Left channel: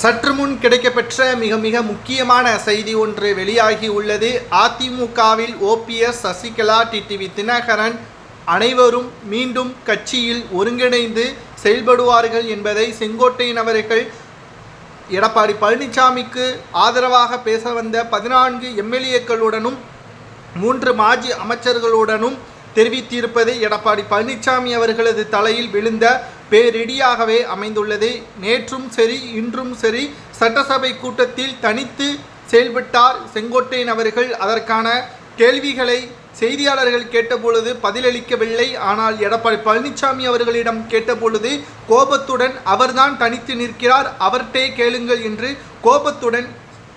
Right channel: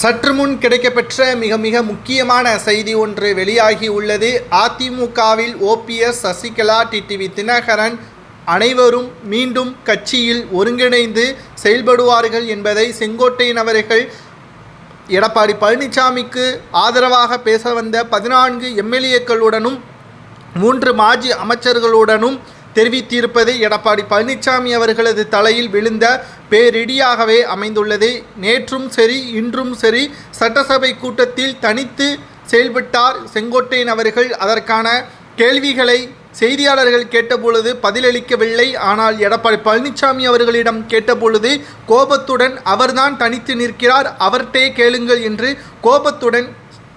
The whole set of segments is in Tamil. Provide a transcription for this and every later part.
சற்று முன் கிடைக்கப்பெற்ற மிக மிக முக்கியமான செய்தி ஒன்று வெளியாகி உள்ளது. அதிமுகவில் ஓபிஎஸ் சசிகலா டிடிவி தினகரன் அனைவரும் மீண்டும் கட்சியில் ஒருங்கிணைந்து செயல்படுவார்கள் என்பதை செங்கோட்டையன் அவர்கள் எடப்பாடி பழனிசாமிக்கு ஆதரவாக பேச வந்த பதினான்கு எம்எல்ஏக்களுடனும் மூன்று மாஜி அமைச்சர்களுடனும் தெரிவித்திருப்பது எடப்பாடி பழனிசாமி அவர்களது தலையில் விழுந்த பேரிடியாகவே அமைந்துள்ளது. நேற்றும் சரி இன்றும் சரி சட்டசபை கூட்டத்தில் தனித்து செயல்பட்டார் செங்கோட்டையன் அவர்கள். அதற்கான கேள்விகளை செய்தியாளர்கள் கேட்டபொழுது பதிலளிக்கவில்லை. ஆனால் எடப்பாடி பழனிசாமி அவர்களிடம் கேட்டபொழுது கோபத்துடன் அவர்தான் தனித்து நிற்கிறார் அவர்கிட்டே கேளுங்கள் என்று கோபத்துடன்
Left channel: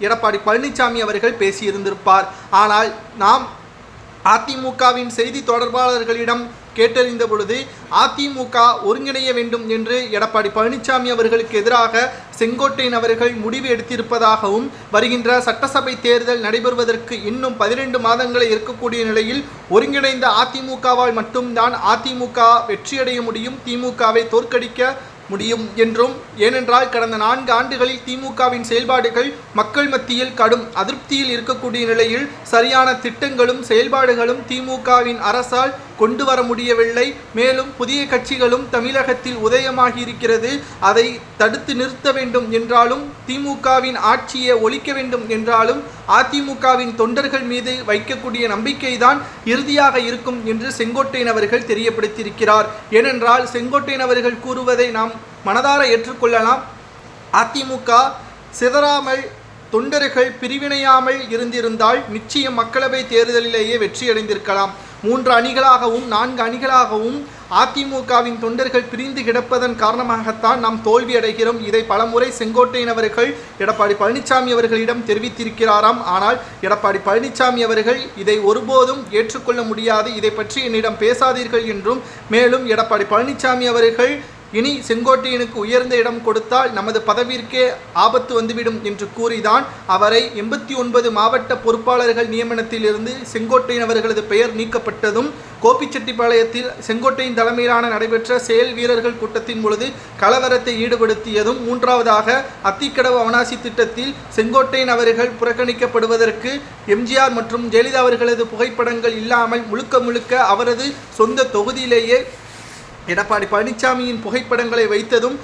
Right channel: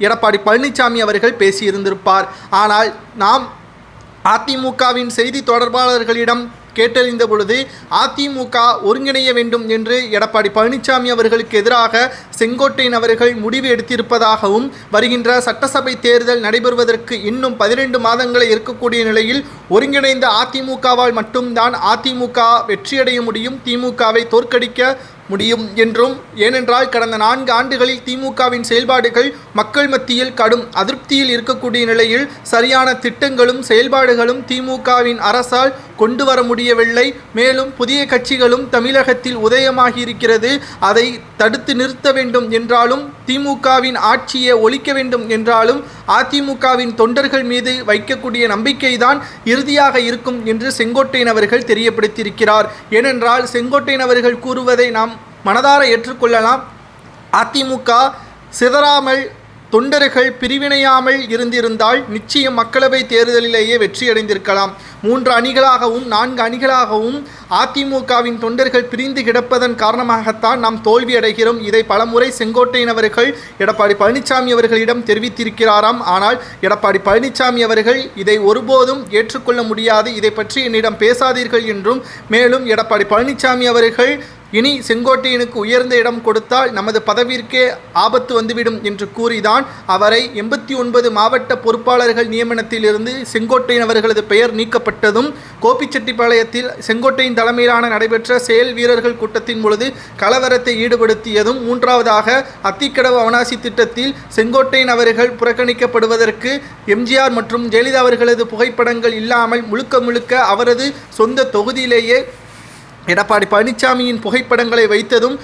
எடப்பாடி பழனிசாமி அவர்கள் பேசியிருந்திருப்பார். ஆனால் நாம் அதிமுகவின் செய்தி தொடர்பாளர்களிடம் கேட்டறிந்த பொழுது அதிமுக ஒருங்கிணைய வேண்டும் என்று எடப்பாடி பழனிசாமி அவர்களுக்கு எதிராக செங்கோட்டையன் அவர்கள் முடிவு எடுத்திருப்பதாகவும் வருகின்ற சட்டசபை தேர்தல் நடைபெறுவதற்கு இன்னும் பதினெண்டு மாதங்களே இருக்கக்கூடிய நிலையில் ஒருங்கிணைந்த அதிமுகவால் மட்டும்தான் அதிமுக வெற்றியடைய முடியும் திமுகவை தோற்கடிக்க முடியும் என்றும். ஏனென்றால் கடந்த நான்கு ஆண்டுகளில் திமுகவின் செயல்பாடுகள் மக்கள் மத்தியில் கடும் அதிருப்தியில் இருக்கக்கூடிய நிலையில் சரியான திட்டங்களும் செயல்பாடுகளும் திமுகவின் அரசால் கொண்டு வர முடியவில்லை. மேலும் புதிய கட்சிகளும் தமிழகத்தில் உதயமாகி இருக்கிறது அதை தடுத்து நிறுத்த வேண்டும் என்றாலும் திமுகவின் ஆட்சியை ஒழிக்க வேண்டும் என்றாலும் அதிமுகவின் தொண்டர்கள் மீது வைக்கக்கூடிய நம்பிக்கைதான் இறுதியாக இருக்கும் என்று செங்கோட்டையன் அவர்கள் தெரியப்படுத்தியிருக்கிறார். ஏனென்றால் செங்கோட்டையன் அவர்கள் கூறுவதை நாம் மனதார ஏற்றுக்கொள்ளலாம். அதிமுக சிதறாமல் தொண்டர்கள் பிரிவினையாமல் இருந்திருந்தால் நிச்சயம் மக்களவை தேர்தலிலேயே வெற்றியடைந்திருக்கலாம். மூன்று அணிகளாகவும் நான்கு அணிகளாகவும் அதிமுகவின் தொண்டர்கள் பிரிந்து கிடப்பதன் காரணமாகத்தான் நாம் தோல்வி அடைகிறோம் இதை பலமுறை செங்கோட்டையன் அவர்கள் எடப்பாடி பழனிசாமி அவர்களிடம் தெரிவித்திருக்கிறாராம். ஆனால் எடப்பாடி பழனிசாமி அவர்கள் இதை ஒருபோதும் ஏற்றுக்கொள்ள முடியாது. இதை பற்றி என்னிடம் பேசாதீர்கள் என்றும் மேலும் எடப்பாடி பழனிசாமி அவர்கள் இனி செங்கோட்டையனுக்கு உயர்ந்த இடம் கொடுத்தால் நமது பதவிற்கே ஆபத்து வந்துவிடும் என்று கூறிதான் அவரை எண்பத்தி ஒன்பது மாவட்ட பொறுப்பாளர்கள் நியமனத்திலிருந்து செங்கோட்டையன் அவர்களது பெயர் நீக்கப்பட்டதும் கோபிச்செட்டிப்பாளையத்தில் செங்கோட்டையின் தலைமையிலான நடைபெற்ற செயல் வீரர்கள் கூட்டத்தின் பொழுது கலவரத்தை ஈடுபடுத்தியதும் மூன்றாவதாக அத்திக்கடவு அவனாசி திட்டத்தில் செங்கோட்டையன் அவர்கள் புறக்கணிக்கப்படுவதற்கு எம்ஜிஆர் மற்றும் ஜெயலலிதா அவர்களது புகைப்படங்கள் இல்லாமல் முழுக்க முழுக்க அவரது சொந்த தொகுதியிலேயே எடப்பாடி பழனிசாமியின் புகைப்படங்களை வைத்ததும்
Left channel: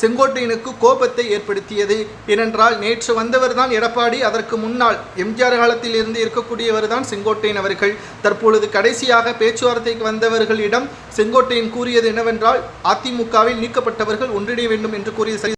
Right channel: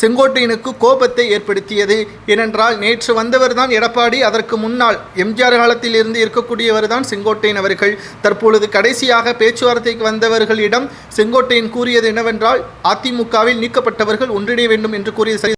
செங்கோட்டையனுக்கு கோபத்தை ஏற்படுத்தியது. ஏனென்றால் நேற்று வந்தவர் தான் எடப்பாடி அதற்கு முன்னால் எம்ஜிஆர் காலத்தில் இருந்து இருக்கக்கூடியவர் தான் செங்கோட்டையன் அவர்கள். தற்பொழுது கடைசியாக பேச்சுவார்த்தைக்கு வந்தவர்களிடம் செங்கோட்டையன் கூறியது என்னவென்றால் அதிமுகவில் நீக்கப்பட்டவர்கள் ஒன்றிணைய வேண்டும் என்று கூறிய சரி